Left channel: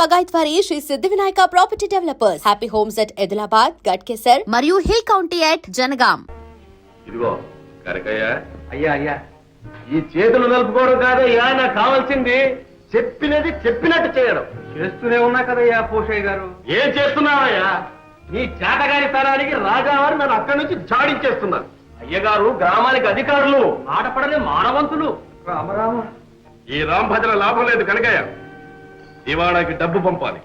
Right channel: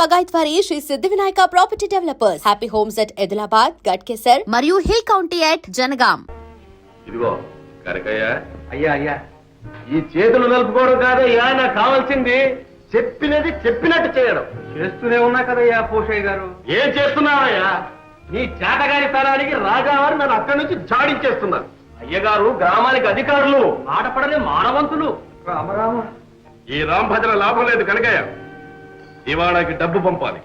బగాయత్ వారి శ్రీ సిద్ధి Vinayaka property developers. Happy homes at Edilabad, Ghatkesar మరియు hill county at Jangaon. ఇదిగో కనకయ్య, అయ్యా అయ్యా, ఈ చేతులు నలుపుకోవడం కాదయ్యా, నాకు కావాల్సింది చెప్పినది చెప్పినట్టు చేయడం. చేస్తూనే ఉన్నా కదయ్యా పోషయ్య గారు. ఏం చేస్తున్నావయ్యా? నీ చేతగారి తరానికి రాజావారు నన్ను అక్కడి నుంచి జాడించేస్తున్నారు. అయ్యగారు గ్రామానికి అధికారులు, ఆటపడని మానవంతులు. రామరామ, ఈ రాంభజన లాభం లేదు కనకయ్య. ఇవాళకి డబ్బు పంపాలి.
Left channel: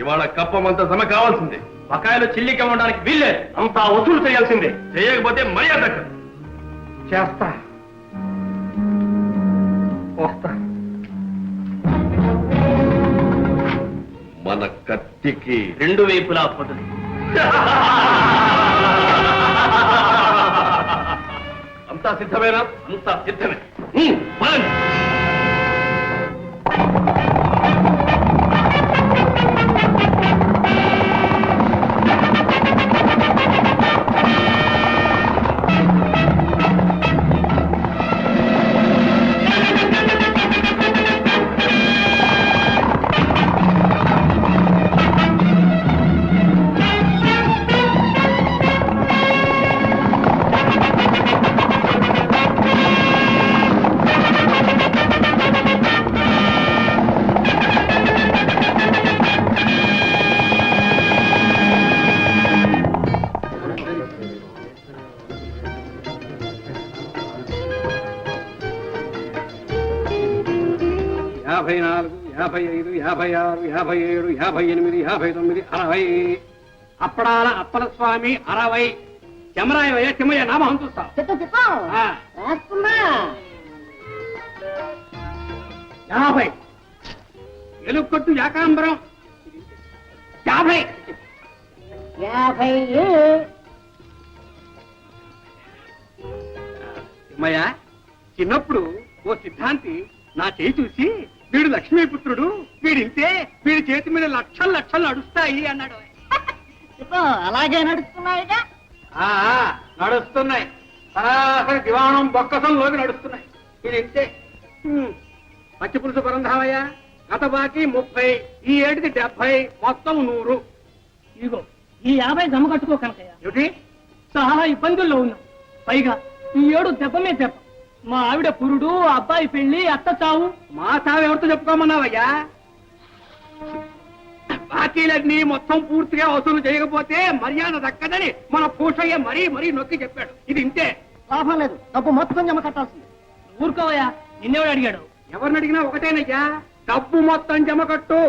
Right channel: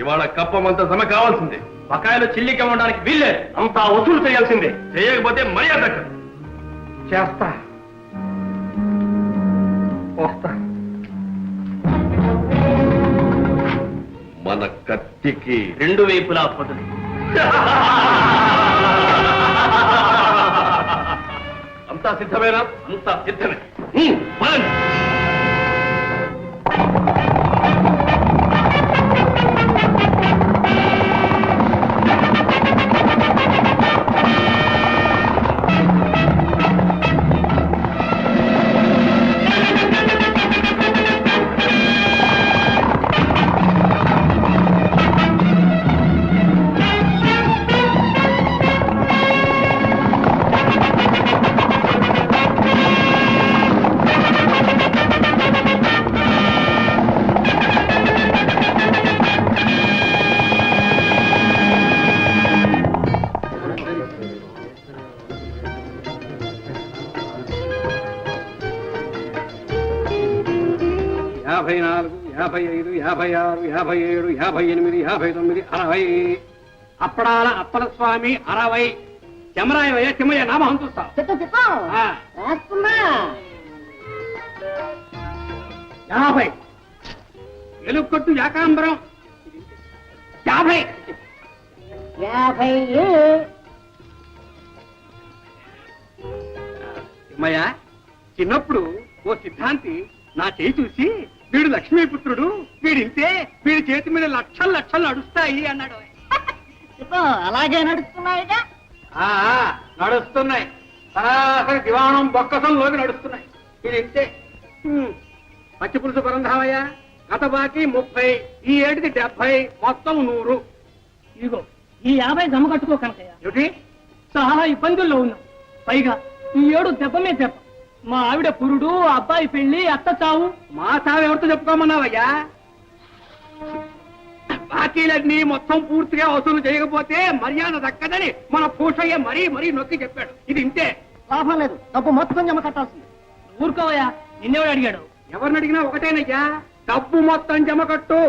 ఇవాళ కప్పమంత జమ కావాల్సిందే. బకాయిలు చిల్లికి ఇవ్వడానికి వీల్లేదు. అంతా వసూలు చేయాల్సిందే. చేయకపోతే మర్యాద దక్కదు. చేస్తా, వస్తా. మన కత్తికి రెండు వైపులా పదులు. అంతా సిద్ధమేనా? అంతా సిద్ధమే. పదండి. యాభై 54, 55, 56, 57, 58, 59, 60. అప్పడాల అప్పల స్వామి 60. చెమరాయ చెమయ్య నామం చూస్తా. 50. ఎలుకొట్టు యాకాంబరం 50. చెమయ్య, చిన్నప్పుడు ఓ సిద్ధాంతి నా చేయి చూసి, వీడు లక్ష్మీపుత్రుడు, వీడింతే, వీడి చేతి మీద లక్షలు లక్షలు నడుస్తాయి అన్నాడు. అలాగే నడుస్తున్నాయిగా. నడుస్తున్నాయి. సరాసరి దివాణం బొక్కసంలోకి నడుస్తున్నాయి. వీడింతే. పచ్చి పులుసు పరంధామయ్య, గత బాకీ 30, ఈ ఏటికి 70, మొత్తం 100. ఇదిగో ఈ 50 జమ కట్టుకో కనకయ్య. ఏమిటి? చాలా ఇబ్బందుల్లో ఉన్నాం. పైగా ఈ ఏడు దెబ్బ మీద దెబ్బ. మా ఆవిడ పురుడు, అబ్బాయి పెళ్లి, అత్త చావు. మా సాగు ఎవరితో చెప్పుకోమన్నావయ్యా? బాకీలన్నీ మొత్తం పూర్తిగా వసూలు చేయకపోతే మర్యాద దక్కదని మన పూషయ్య మరీ మరీ నొక్కి చెప్పాడు. ఇది ఇంతే. లాభం లేదు, డబ్బు మొత్తం జమ కట్టాల్సింది. ఊరుకోవయ్యా, నిన్నెవడు అడిగాడు? ఎవరిని అడిగినా ఒకటేనయ్యా, డబ్బు మొత్తం జమ కట్టు.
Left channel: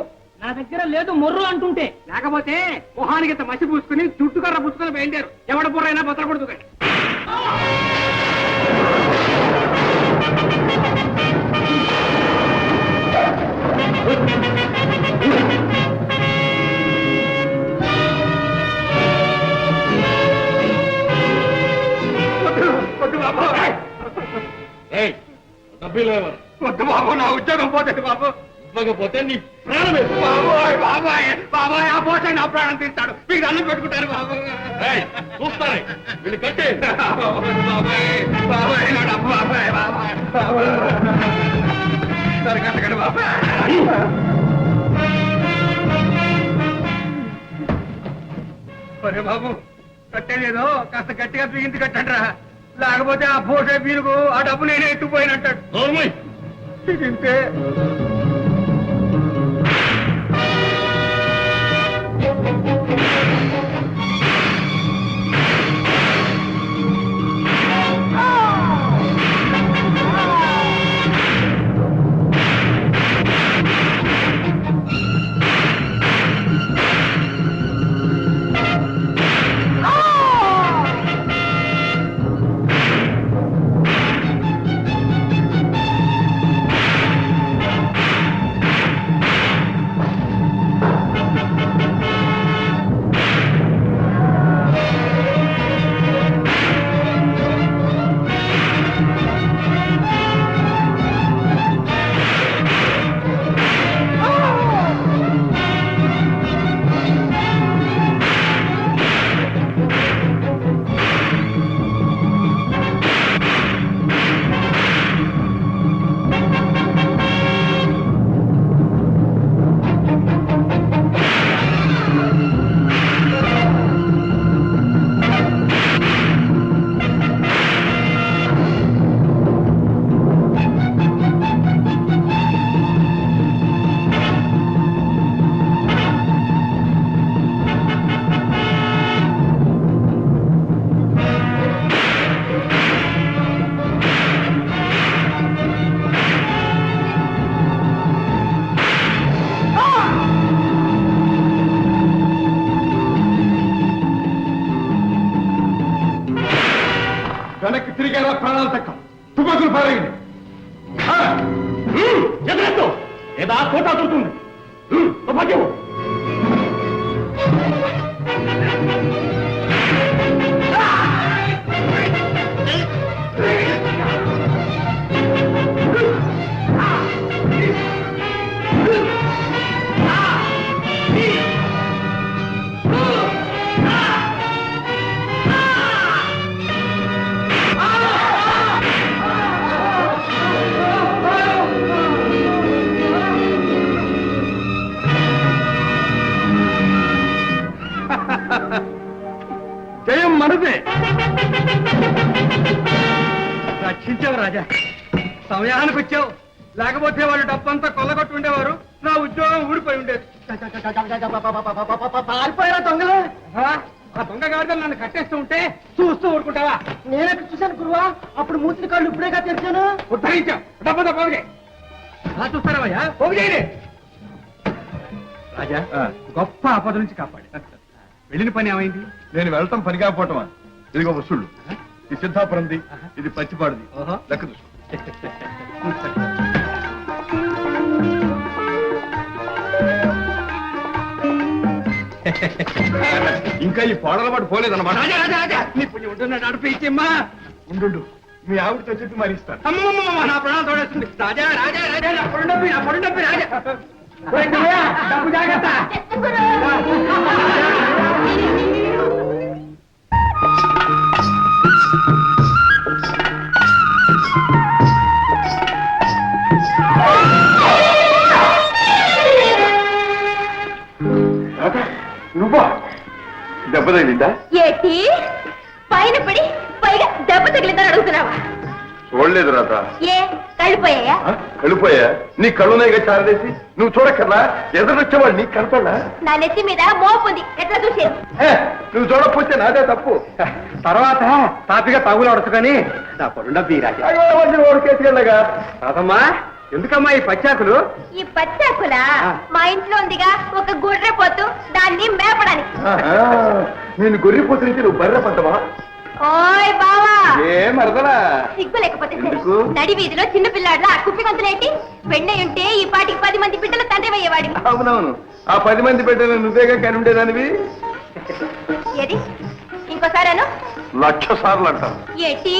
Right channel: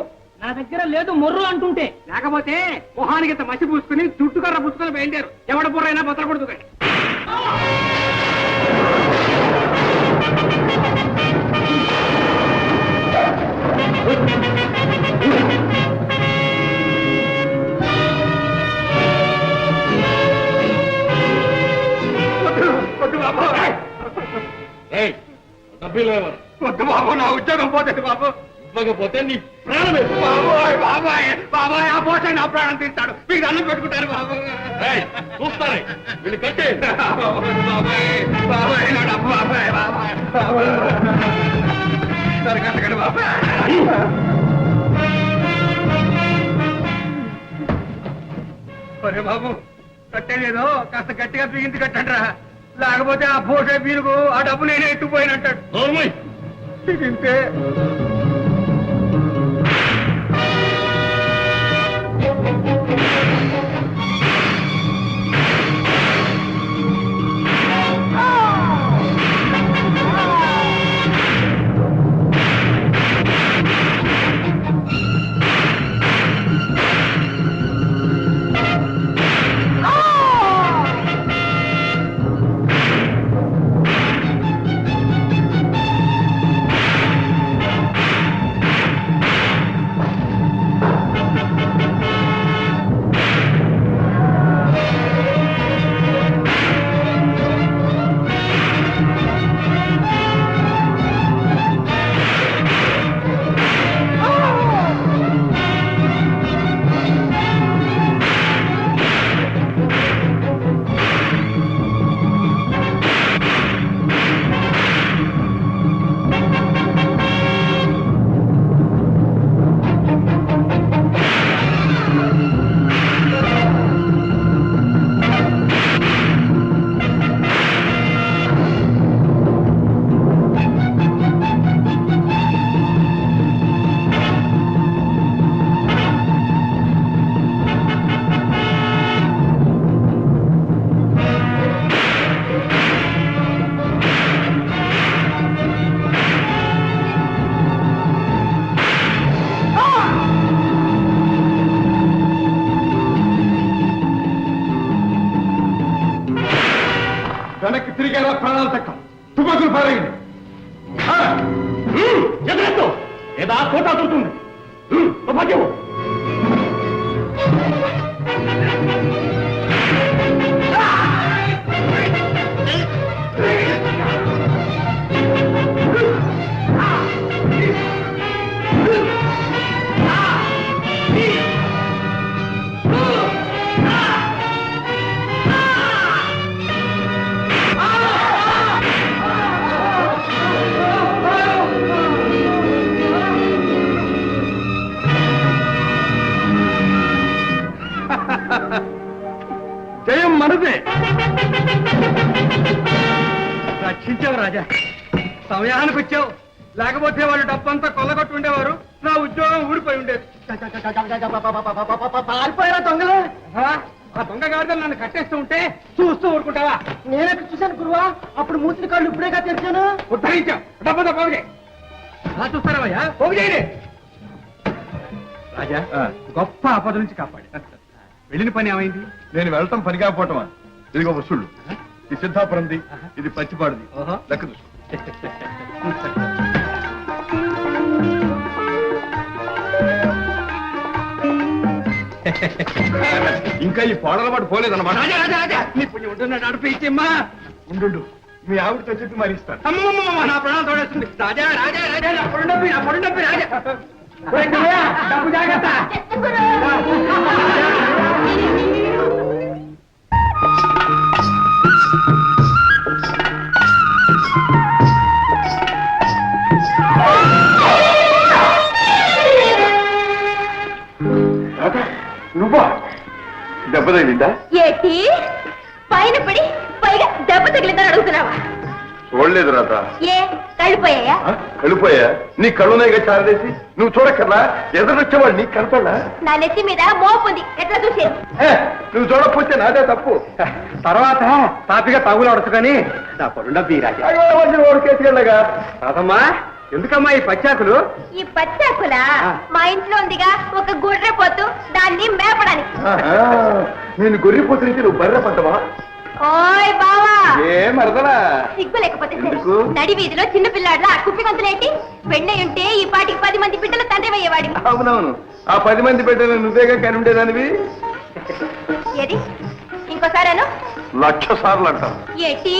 నా దగ్గర లేదు మొర్రు అంటుంటే. లేకపోతే మొహానికి ఇంత మసి పూసుకుని చుట్టుకర్ర పుచ్చుకొని బయలుదేరు. ఎవడ బుర్రైనా బతకూడదు. వద్దు బాబు, నా ఉద్యోగం పోతుంది బాబు. ఇవ్వకపోతే నీ ప్రాణమే. బాబోయ్ బాబాయ్ బాబాయ్, ఆ పోషణ నా ప్రాణం తీస్తాడు. మీకు అన్నం పెట్టుకుంటారు బాబు. చూస్తానే వీళ్ళు కట్టే. బాబాయ్ బాబాయ్, నా డబ్బు బాబాయ్ బాబాయ్ బాబాయ్. సరే కట్టకండి బాబాయ్. ఒరే బాబు, కట్టేదేదో కాస్త గట్టిగా బిగించి కట్టండి రా. లేకపోతే ఆ పోషే పీనుకు ఆ డబ్బు నేనే ఎత్తుకుపోయినట్టాడు. ఇంతే. భాగ్యం. జయం మనదే. రక్షించావు రాజా, సమయానికి వచ్చావు. లేకపోతే వాళ్ళు డబ్బంతా కొల్లగొట్టు ఉండేవారు, నా ఉద్యోగం ఊడిపోయి ఉండేది. పారిపోయారా దొంగలు? ఆ దొంగ గాడిదలు నన్ను కట్టేస్తూ ఉంటే చూస్తూ ఊరుకుంటావా? నేనెక్కడ చూశాను గురువా, అప్పుడు మూతిని కాళ్ళు ఇప్పుడేగా తెరిచాను. ఉద్ధరించావు. డబ్బంతా పోగు చేయి. అలా చూస్తారా పోగు చేయలే. రాజా, గొప్ప ఆపద నుంచి కాపాడు. వెళ్ళిన పని ఏమైంది? నేను వెళ్తాం పని కాకపోవటమా? ఇదిగో వసూళ్ళు. ఇది సిద్ధాపురంది, ఇది పచ్చిపాడుది. లెక్క చూసుకో. ఇంకా ఈ పాడల పాటు పోలేదన్నమాట. రాజా రాజా రాజా, నీ పుణ్యం ఉంటున్నాడు. నడిపించమ్మా. ఉండు, మీ ఆవిడతో చెప్పి మరి ఇస్తాను. అమ్మమ్మ, నా ప్రాణాలు తోడేస్తుంది. రాజా రాజా రాజా, నా పొడి డబ్బి రాజా. డబ్బు జాగ్రత్త. నువ్వా? దెబ్బ తగిలిందా? ఏటి పైన పడి పైగా దెబ్బ తగిలిందని అడుగుతున్నావా? చూడలేదు రాత. ఏ కళ్ళిపోయాయా? కళ్ళిపోయా? నీ కళ్ళున్నాయిగా చారదేసి. నువ్వు చూడక్కర్లా? ఎదురొచ్చేవాడు నీకు కనపడలా? నా నెత్తి మీద మోపుంది, ఎట్లా చూసేది? నువ్వు చూడకపోతే నాదే తప్పు. తర్వాత తాపిగా తగులు అడుచుకొని నా పొడి డబ్బి రాజా. ఓడికేసుకెళ్ళగా. రాదమ్మా, ఎందుకమ్మా ఈ పచ్చాకులు? ఈ పచ్చాకుల మా ఇంట్లో ఉందిగా ఒక గుర్రె పోతు, దాన్ని మేపడానికి. నేను గొర్రెపోతు నుంచి నువ్వు బర్రె పడ్డవా? ఓయ్ బావా, ఏ మరదలా? సిగ్గు లేకపోతే సరే. ఎందుకు? నడి వీధిలో చిన్న పిల్లాడ్లా కుప్పి గంతులేంటి? వెండి ఉంటే ఈ పాటికి 10 మంది బిడ్డలు తండ్రి అయ్యేవాడి. అవునవును, ఆ 10 మంది బిడ్డలు నువ్వేగా కని ఉండేదానివి. ఏది ఇంకోసారేను? 1,00,000 సార్లు అంటాను. ఏటి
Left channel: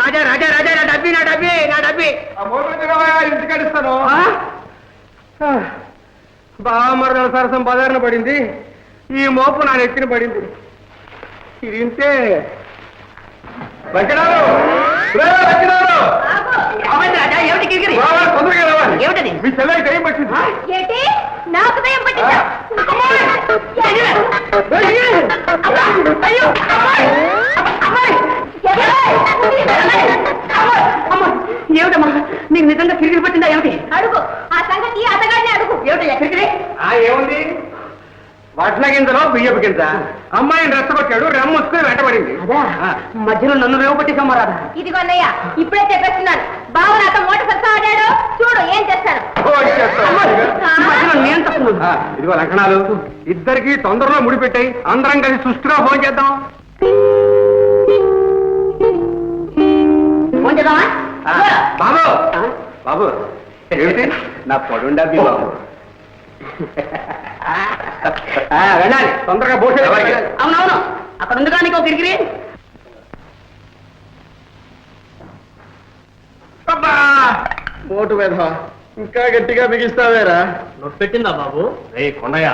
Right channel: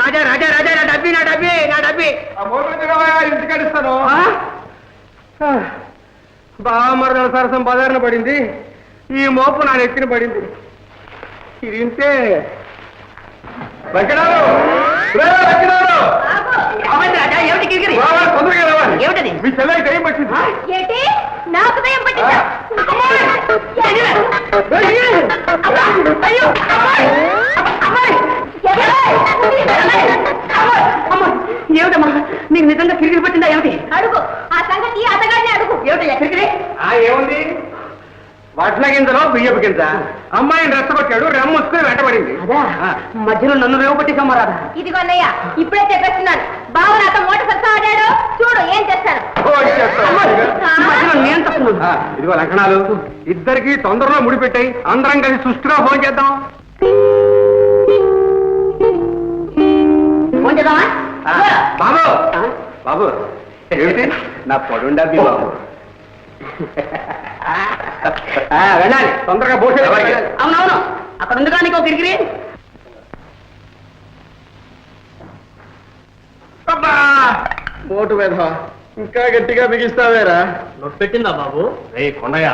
రాజా రాజా రాజా, నా డబ్బి నా డబ్బి నా డబ్బి. ఇంటికడిస్తాను. బావమరదల సరసం బజారున పడింది, ఈ మోపు నా నెత్తిన పడింది. ఇది ఇంతే. లక్కినారు, లక్కినారు, రాజా, ఏమిటి గిరిగిరి? తొందరగా రావాలి. ఏమిటది? మీ చెల్లెకి టైం పట్టింది. ఏటి నాకు దయ్యం పట్టిందా? ఏమిటమ్మా, నీకు నిజంగా కిరిగిరి పట్టిందా ఏమిటి? అడుగు, ఆ సంగతి అతగాడిని అడుగు. ఏమిటయ్యా కిరిగిరి? ఏముంది? వడ్ల గింజలో బియ్యపు గింజ. అమ్మాయిని రెచ్చగొట్టాడు, రెమ్మొచ్చుకుని వెంటబడింది. అదా మధ్యలో నన్ను రేవు పట్టిసమ్మా రాదా? ఇదిగో అన్నయ్య, ఇప్పుడే చెప్పేస్తున్నాను. బావ నాతో మోటార్ సత్తా ఆడాడు, చూడు ఏం చేస్తాను. మధ్యలో నేను తప్పున్నాను. ఇదిగో లక్షణాలు, ఇద్దరికి తొందరలో ముడిపెట్టాయి. అందరం కలిసి సుష్టిగా ఫోన్ చేద్దాం. ఫోన్ చేద్దామా? బాబు బాబు, ఏమిటి? నా పొడుండబ్బి బాబు. వెళ్ళాలి తొందరగా పోసే. అవునవును, అక్కడ ఉంది కానీ ఒక కిరిగిరి. పోటు మీద ఇంకా గట్టిగా బిగిస్తావేరా? పెట్టిందా బాబు? రే కొండయ్య,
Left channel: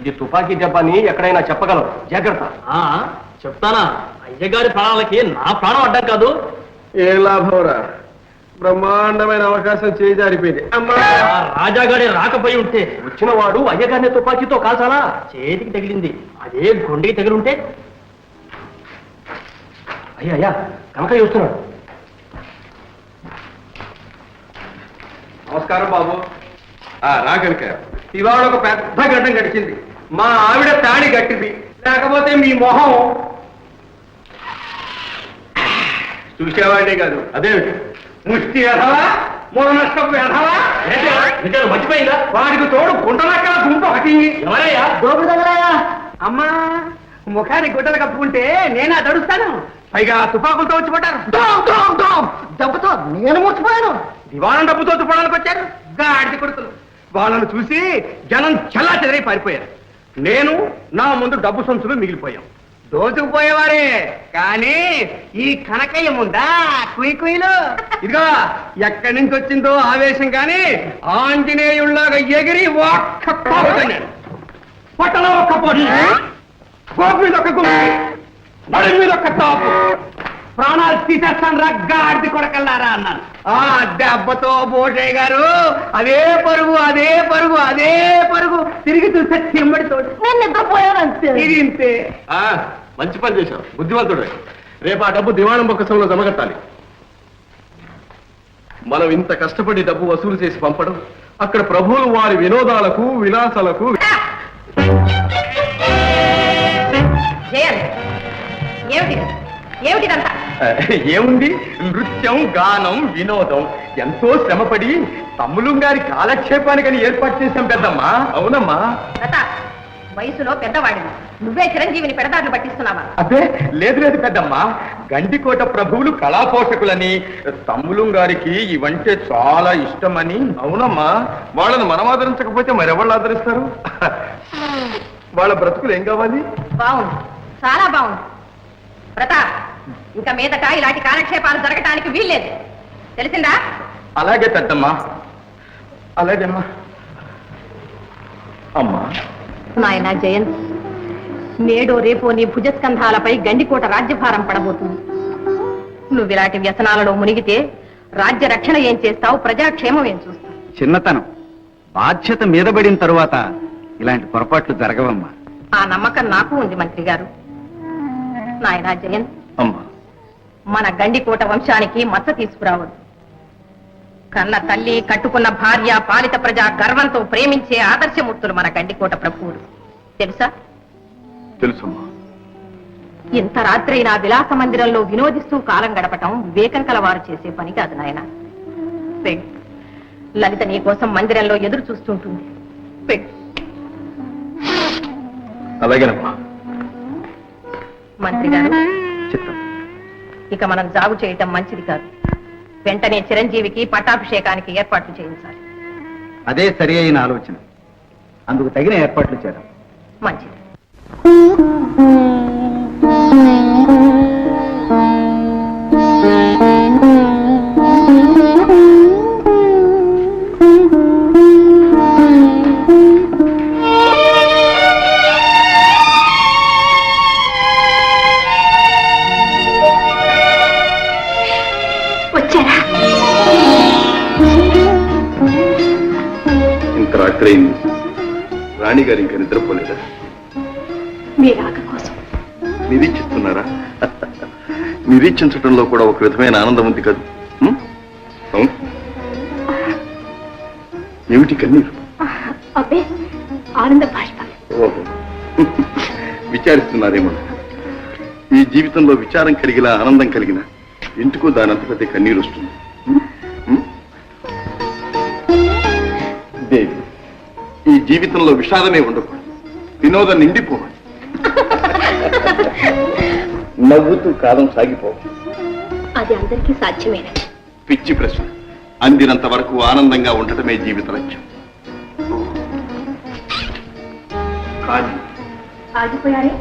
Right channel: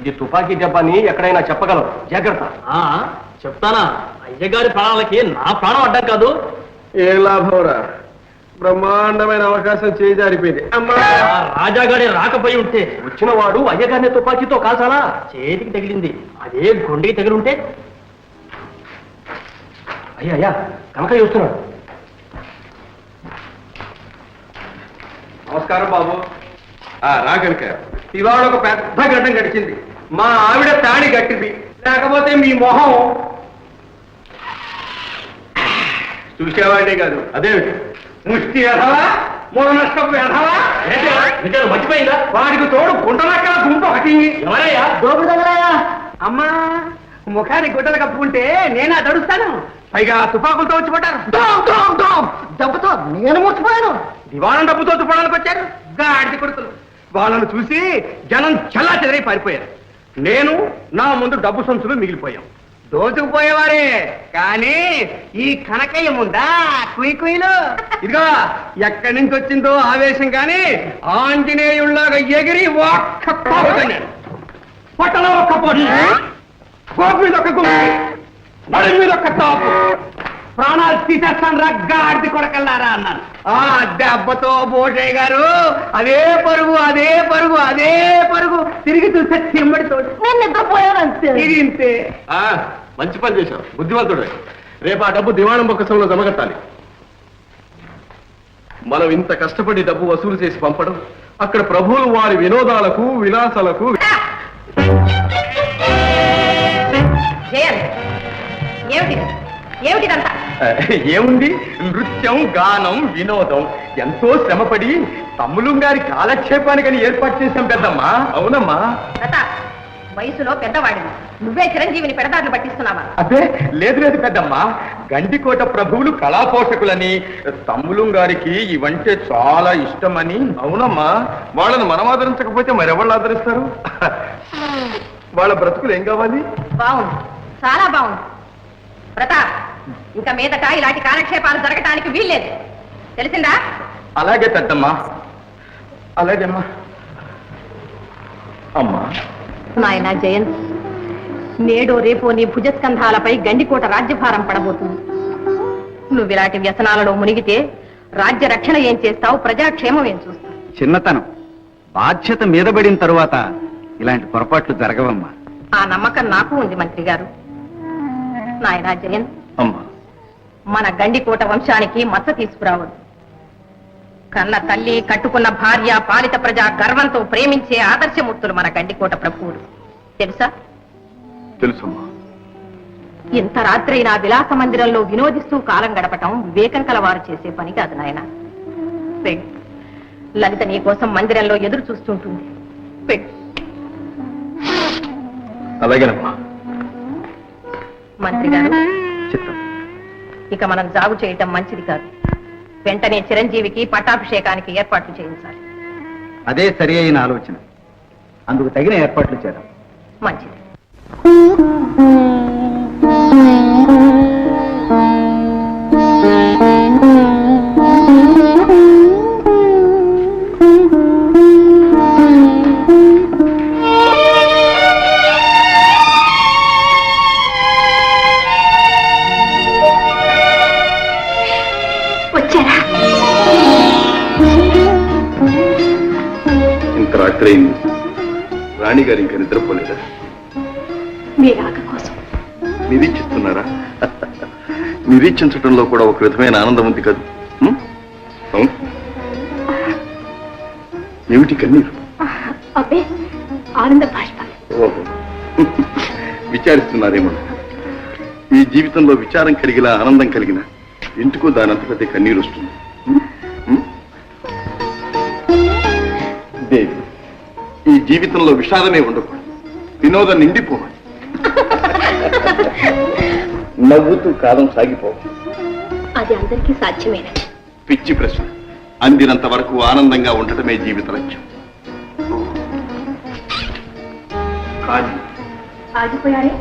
ఇది తుపాకీ దెబ్బని ఎక్కడైనా చెప్పగలవు, జాగ్రత్త. చెప్తానా? అయ్యగారి ప్రాణాలకి నా ప్రాణం అడ్డం కాదు. ఏ లాభంరా? బ్రహ్మాండమైన అవకాశం చేజారిపోయింది. రాజాగారి రాకపోయి ఉంటే వచ్చిన వాడు అయ్యగారిని తుపాకీతో కాల్చాలా? చేతికి తగిలింది, అదే గుండెకి తగిలి ఉంటే. అయ్యా కనకయ్య వస్తున్నాడు. నమస్కారం బాబు. రా కనుక. ఇవాళ ఒక పెద్ద గడ్డం గడిచింది. మా ఆవిడ తాళి కట్టింది, లేకపోతే మీ మొహం చూసేవాడే కాదు. అదేమిటి? ముష్టి ఎదవా, మూల నష్టపు ఎదవా, మర్చిపోయిందా? వాడికి తోడు గుంటలక్కడ గుంపు ఒకటి. ఎవరయ్యా? దోపుడు తగలాయా? అమ్మా, ముఖానికి గుడ్డలు కప్పుకుంటే నేనా తడుస్తాను, పైగా తుపాకులతో వచ్చి పడ్డారు. దెబ్బతో నేను మర్చిపోయాను. దివాణం డబ్బుతో తుప్పడానికి వచ్చారు. గాడిది కొడుకులు వాళ్ళను చూసి జనం చల్లా చెదరై పారిపోయారు. నేను నా ముందు డబ్బు సంచులు మిగిలిపోయాం. దోచుకుపోయేవారే కానీ ఈ కనకయ్య ముందా కుయ్యలు. ఇదిగో ఎక్కడి నుంచి వచ్చిందో ఆవేశం కానీ ఆంజనేయుల్లాగా ఎగిరి ఒక్క పోగొట్టాను. పొట్టలో ఒక్క పొడి, గోపు మీద ఒక్క గుమ్మి, నడి మీద ఒక్క తాపు, ప్రాణాలు తీసేస్తాను రగ్గాడిది కొడకల్లారా అన్నాను. ఆ దెబ్బతో బోటయ్య గారు అదే పరుగు అదే పరుగు అదే పరుగు తిరిగి చూస్తే చెమ్మడితో ఇది ఇంతే. మంచి పని చేశావు, బుద్ధివంతుడు. రేపు ఆ డబ్బు దివాణం బొక్కసంలో జమగట్టాలి. మనం ఇంత కష్టపడి డబ్బు వసూలు చేసి పంపడం, అక్కడ ప్రభువులు వారి వినోదాలకు విలాసాలకు. ఏముంది, నృత్యం గానం వినోదం ఎంతో శ్రమపడి తమ్ములు గారి కాలక్షేపానికని ఏర్పాటు చేశాం పెద్దమ్మా. అవునమ్మా. వయసులో పెద్దవాడిని నువ్వే చిరంజీవిని పెడదారులు పట్టిస్తున్నావా? అదే లేదు లేదు పెద్దమ్మా, గండికోట ప్రభువులు కళాపోషకులని తమ్ములు గారికి ఇవంటే చాలా ఇష్టమని. అవునమ్మా, వాళ్ళని మనం ఆదరించకపోతే మరెవాళ్ళు ఆదరిస్తారు? వాళ్ళ బ్రతుకులు ఏం కావాలి? బాగుంది, చాలా బాగుంది. ప్రతాప్, ఇంకా మీదట ఇలాంటి కాలక్షేపాలు జరగటానికి వీల్లేదు, తెలిసిందా? అలాగే పెద్దమ్మా, అలాగేమ్మా. అమ్మా నాయన జయంత్, నేడో రేపో నీ భుజస్కంధాలపై గండికోట రాజ్యభారం పడబోతుంది. నువ్వు ఇలాంటి వ్యసనాలలో మునిగితే రాజ్య రక్షణ ఏం చేస్తావు, ప్రజాక్షేమం ఏం చూస్తావు? చిన్నతనం, బాధ్యత మీదబడిన తరువాత ఇలాంటి పొరపాట్లు జరగవమ్మా. ఆ నమ్మకం నాకు ఉంది మంత్రి గారు. నాయన జయంత్, అమ్మా, మన గండికోట వంశానికి మచ్చ తీసుకురావద్దు. కన్న తల్లి, కట్టుకున్న భార్య, పాలిత ప్రజ గర్వంతో ప్రేమించే ఆదర్శమూర్తులు మన గండికోట ప్రభువులు, తెలుసా? తెలుసమ్మా. ఇంత రాత్రైనా విలాస మందిరంలో వినోదిస్తూ కాలం గడపటం వివేకం కలవారు చేసే పని కాదు నాయన. పెళ్ళి లలిత నీ కోసం మందిరంలో ఎదురు చూస్తుంటుంది. పెళ్ళి. అలాగేనమ్మా. మంత్రి గారు, చిత్తం. ఇక మనం జాగు చేయటం మంచిది కాదు. వెంటనే చిరంజీవికి పట్టాభిషేకానికి ఏర్పాట్లు చేయించాలి. అదే సరి అయిన ఆలోచన. అందుకు తగిన ఏర్పాట్లు చేద్దాం. మంచిది. ఇంత రాత్రైంది, రాణి గారు ఇంకా నిద్రపోలేదా? మీ రాక కోసం నిరీక్షిస్తున్నారా? నిరీక్షించడంలో కూడా ఒక విధమైన ఆనందం ఉంది కదా. అవును, ఏమిటి కన్నీరు? అబ్బే, ఆనంద బాష్పం. ఓహో, విచారిస్తున్నారేమో. ఈ జీవితంలో విచారం కలిగిన ఆనందం కలిగిన ఎందుకో దానంతటదే కన్నీరు వస్తుంది. దేవి, ఈ జీవితంలో విషాదమే ఉండకూడదు, వినోదం నిండిపోవాలి. నవ్వుతూ కాలం సాగిపోవాలి. అది అందరికీ సాధ్యమేనా? పిచ్చి ప్రశ్న. అందినంత వరకు ఆనందంగా ఉండటమే జీవిత లక్ష్యం. కానీ ఆగిపోయారే?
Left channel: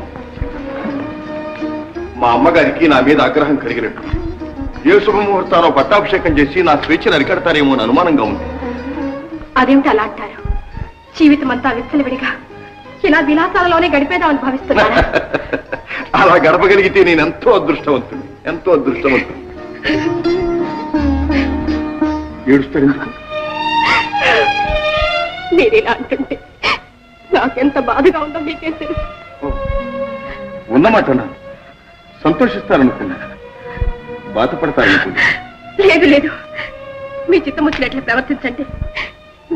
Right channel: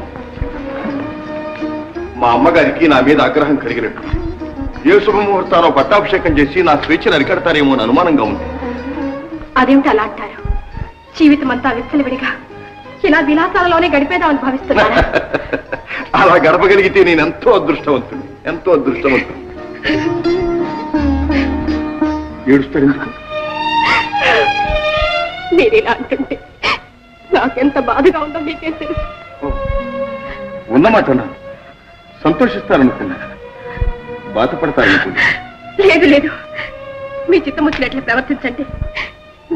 మా అమ్మగారికి నా మీద ఆగ్రహం కలిగినట్టు. ఏ శుభముహూర్తానో పట్టాభిషేకం చేసి నా స్వేచ్ఛను అరికడతారేమో అని అనుమానంగా ఉంది. అదేమిటి అలా అంటారు? జీవితం అంతా విచ్చలవిడిగా ఇలా విలాసాలలోనే గడిపేదామని భావిస్తున్నారు. అలా గడపగలిగితే నేను ఎంతో అదృష్టవంతుని, ఎంతో అదృష్టవంతుని. ఏడుస్తాడు ఎందుకు? మీరేలా అంటుంటే నాకెంత బాధగా ఉందో మీకే తెలుసు. ఉన్నమాట సంతోషిస్తారనుకున్నా, బాధపడతారనుకున్నా. లేదు లేదు, మీ చిత్తముచ్చినట్లు ప్రవర్తించండి.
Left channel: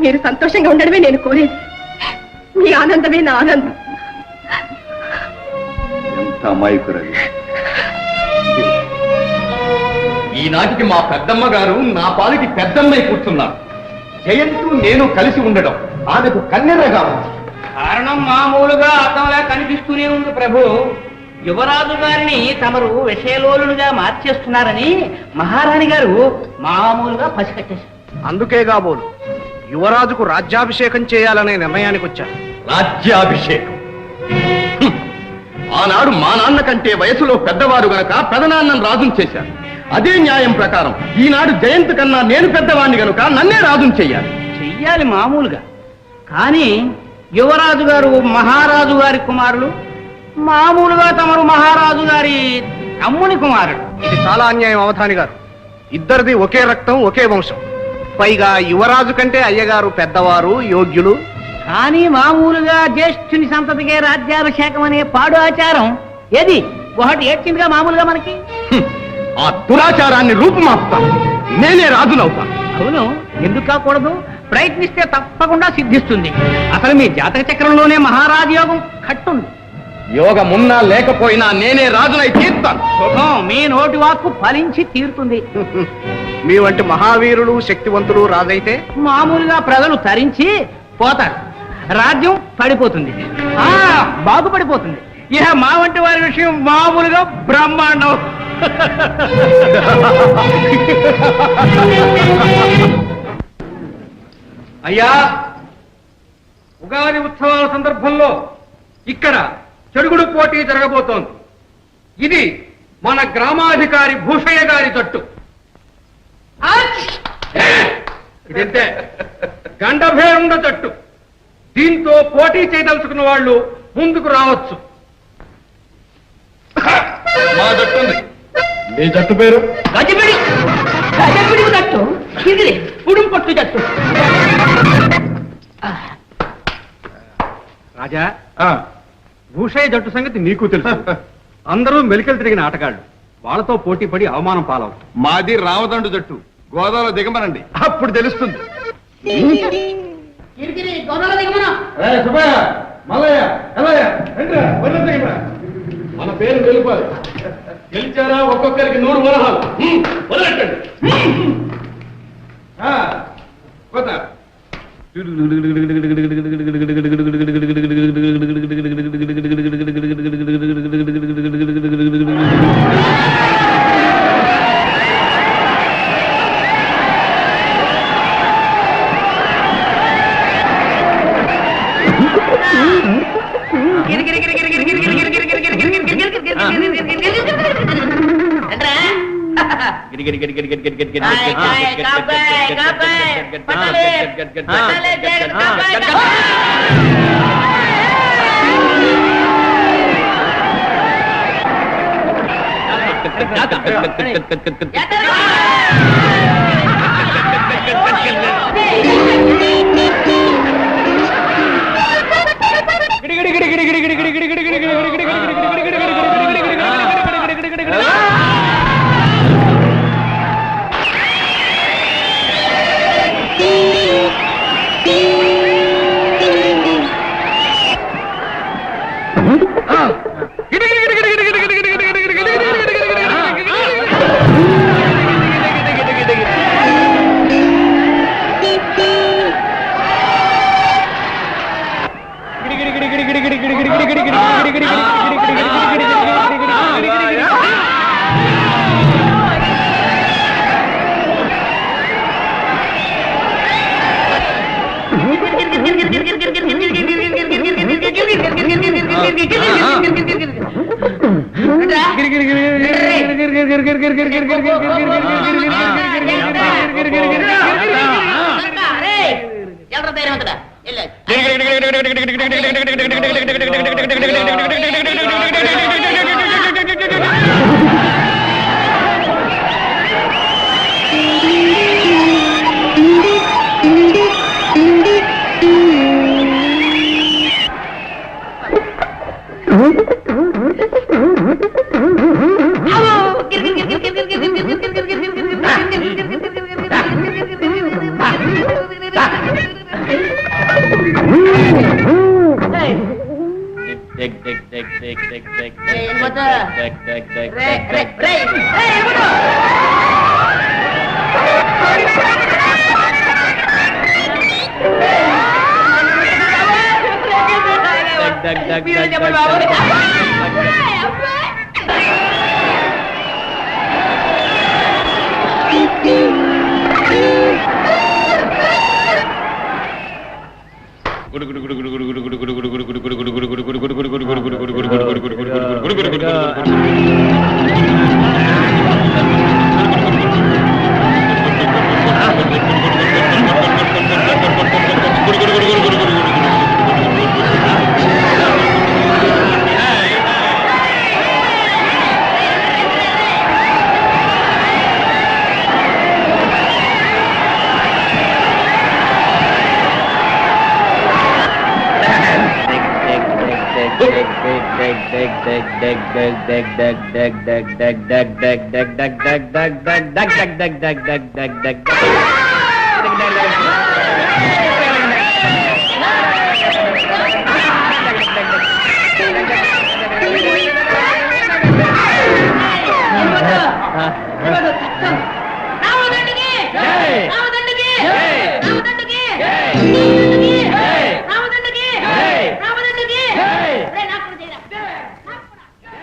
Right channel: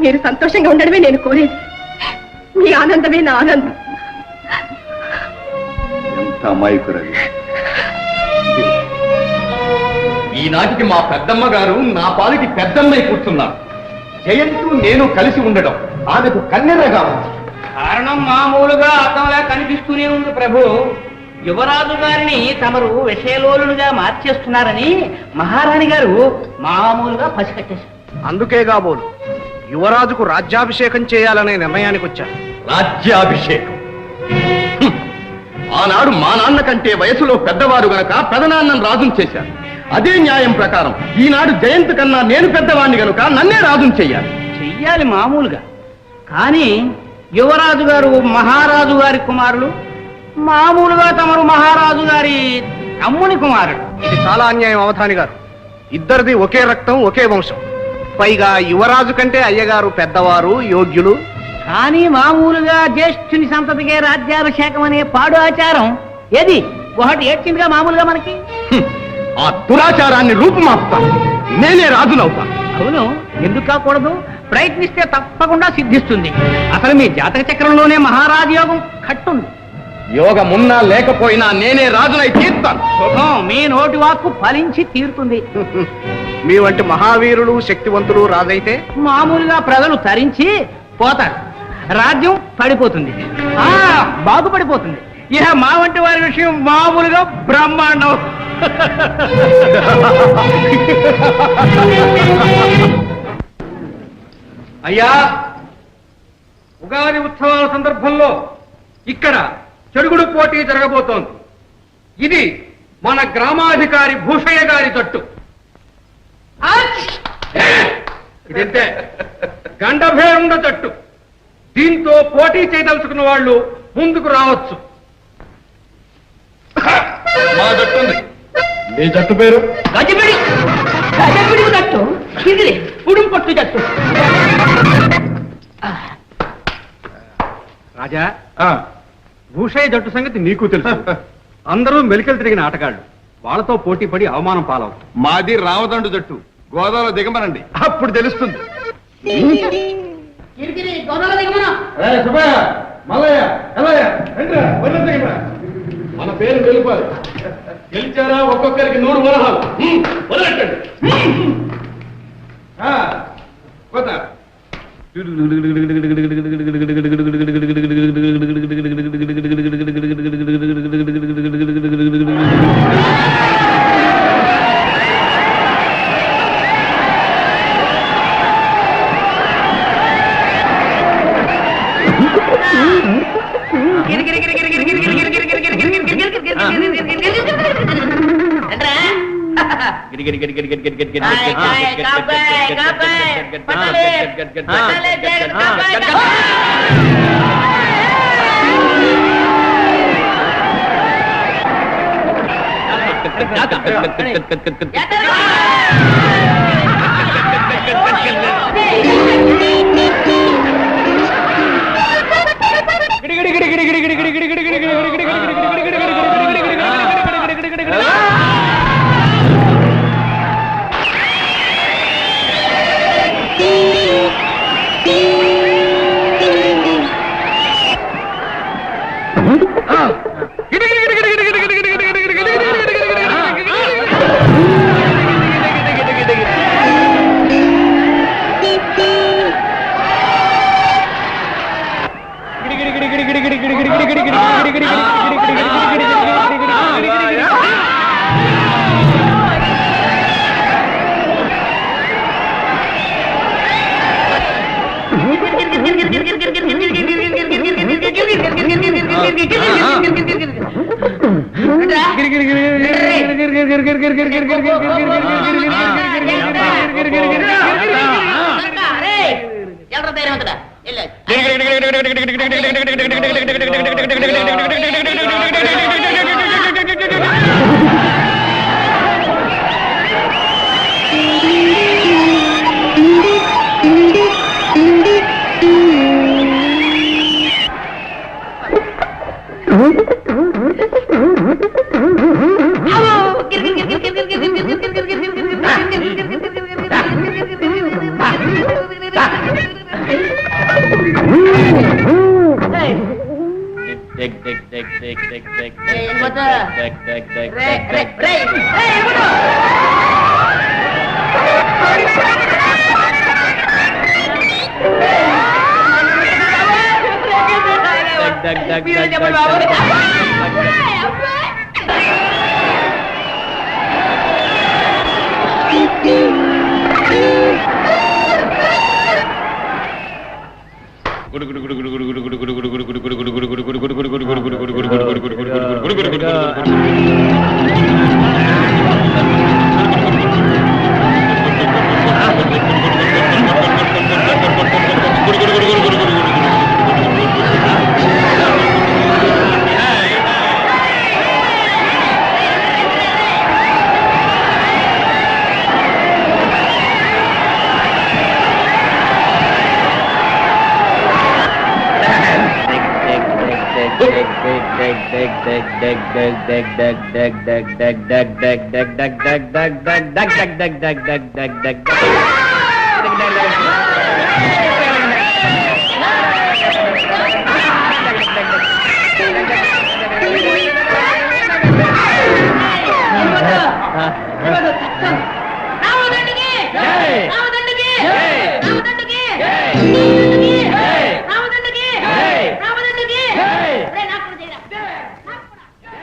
మీరు సంతోషంగా ఉండడమే నేను కోరేది. మీ ఆనందమే నా ఆనందం. ఎంత అమాయకురాలు. ఈనాటికి మా పెద్దమ్మ గారు నా పాలిటి పెద్దమ్మై కూర్చున్నారు. జయంతు నేను కలిసి ఉండడం ఆమెకు కన్నెరగా ఉంది. కారణం మామూలుగా అర్థంలా కనిపిస్తూనే ఉంది ప్రభు. యువరాజు గారిని తమరు విషయలోలుగా మార్చేస్తున్నారని మహారాణి గారు మామూలుగా పసికట్టేశారు. అందుకే కాబోలు యువరాజుకు రాజ్యాభిషేకం చేయాలనే నిర్ణయానికి వచ్చాను. రాజ్యాభిషేకం హ్మ్. ఆనాడు మా నాన్న కంటే వయసులో పెద్దవారు గనక పెదనాన్నను రాజును చేశారు. అదే న్యాయం ప్రకారం ఈనాడు జయంత్ కన్నా నేను పెద్దవాణ్ణి గనుక నన్నే రాజును చెయ్యాలి. చెయ్యాలి మామూలుగా. కానీ యువరాజు గారు మహారాజు గారి కుమారులు, మామూలుగా తమరు మహారాజు గారి తమ్ముని కుమారుడు. ఇది చాలా అన్యాయం అవధాని గారు. ఇద్దరిది ఒకే రక్తం, ఒకే వంశం. పైగా యువరాజు కంటే అయ్యగారు పెద్దవారు, యోగ్యులు. కానీ మామూలుగా జ్యేష్ఠుని సంతతికే రాజ్యాభిషేకం అనే పాడు ఆచారం ఏది ఒకటి ఏడ్చిందిగా మామూలుగా మనకి. హ్మ్. ఆ దురాచారాన్ని రూపుమాపుతాను. నేనే రాజునవుతాను. అవును, ఎందుకు కాకూడదు? ప్రయత్నిస్తే తప్పకుండా సిద్ధిస్తుంది. అసలు మీ జాతక చక్రంలోనే మహారాజు యోగం కట్టుంది. యోగమున్నా లేకపోయినా నేనే రాజునై తీర్తాను. శుభం, మీ నోటి వాక్కు ఫలించి తీరుతుంది. మీ వంటి మహావీరులు, శక్తివంతులు రాజైతే మామూలుగా ప్రజలు తరించి పోతారు, రాజ్యం పడిపోతుంది, బాగుపడిపోతుంది. ఇక మా వంటి వారి విషయం మామూలుగా బ్రహ్మాండం. అయ్యా, ఉగాది ఉత్సవాల సందర్భంలో ఇక్కడ చెడుగుడు పోటీ జరగబోతోంది. ఇది మన గ్రామాధికారి భూషయ్య గారి తట్టు. ఇదంతే గండభేరుండ తట్టు. దీంతో పోటీ చేయదలుచుకున్న వాళ్ళు ముందుకు రావచ్చు. మా జట్టు ఉంది. మీ జట్టు పేరు? తట్టు ఇది ఉడుం పట్టు తట్టు. రాజా, భూషయ్య జట్టు సంగతి నీకు తెలుసు. అందరూ మెలికలు తిరిగిన ఆటగాళ్ళు. వాళ్ళతో పోటీ పడి అవమానం పాలవుతాం. మాది రామదండు జట్టు. గోదావరి దిగమనండి, అప్పుడు తెలుస్తుంది. మన పేరు గెలుపాలి. గెలిచారా ఒక్కొక్కరికి 100 వరహాలు. వదలెట్టండి. కొత్త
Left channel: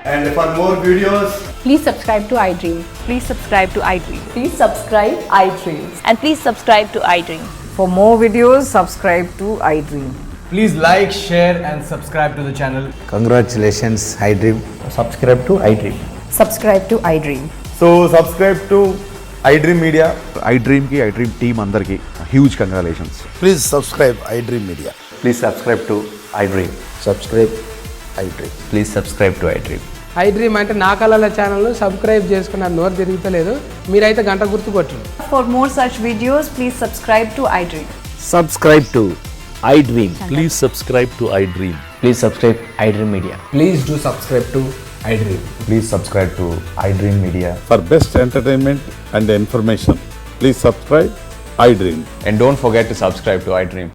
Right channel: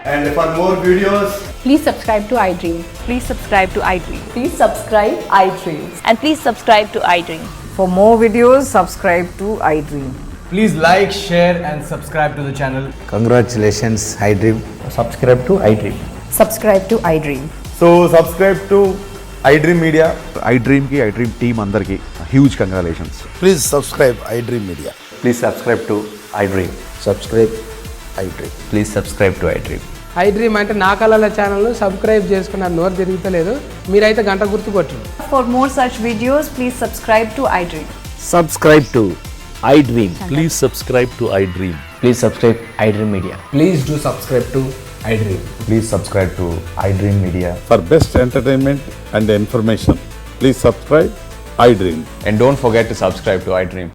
And for more videos, Please subscribe to iDream. Please subscribe to iDream. Please subscribe iDream. And please subscribe to iDream. For more videos, subscribe to iDream. please like, share and subscribe to the channel. Congratulations, iDream. Subscribe to iDream. Subscribe to iDream. So subscribe to iDream Media. iDream ki iDream team andarki huge congratulations. Please subscribe iDream Media. Please subscribe to iDream. Subscribe iDream. Please subscribe to iDream. iDream అంటే నా కళల ఛానల్ను subscribe చేసుకున్న నోరు తిరుగుతలేదు మీరైతే గంట గుర్తు కొట్టండి. For more such videos, please subscribe to iDream. Subscribe to iDream. Please subscribe to iDream. Please subscribe iDream Media. Please do subscribe to iDream. Please subscribe to iDream Media. For best entertainment and information, please subscribe iDream. And don't forget to subscribe to iDream.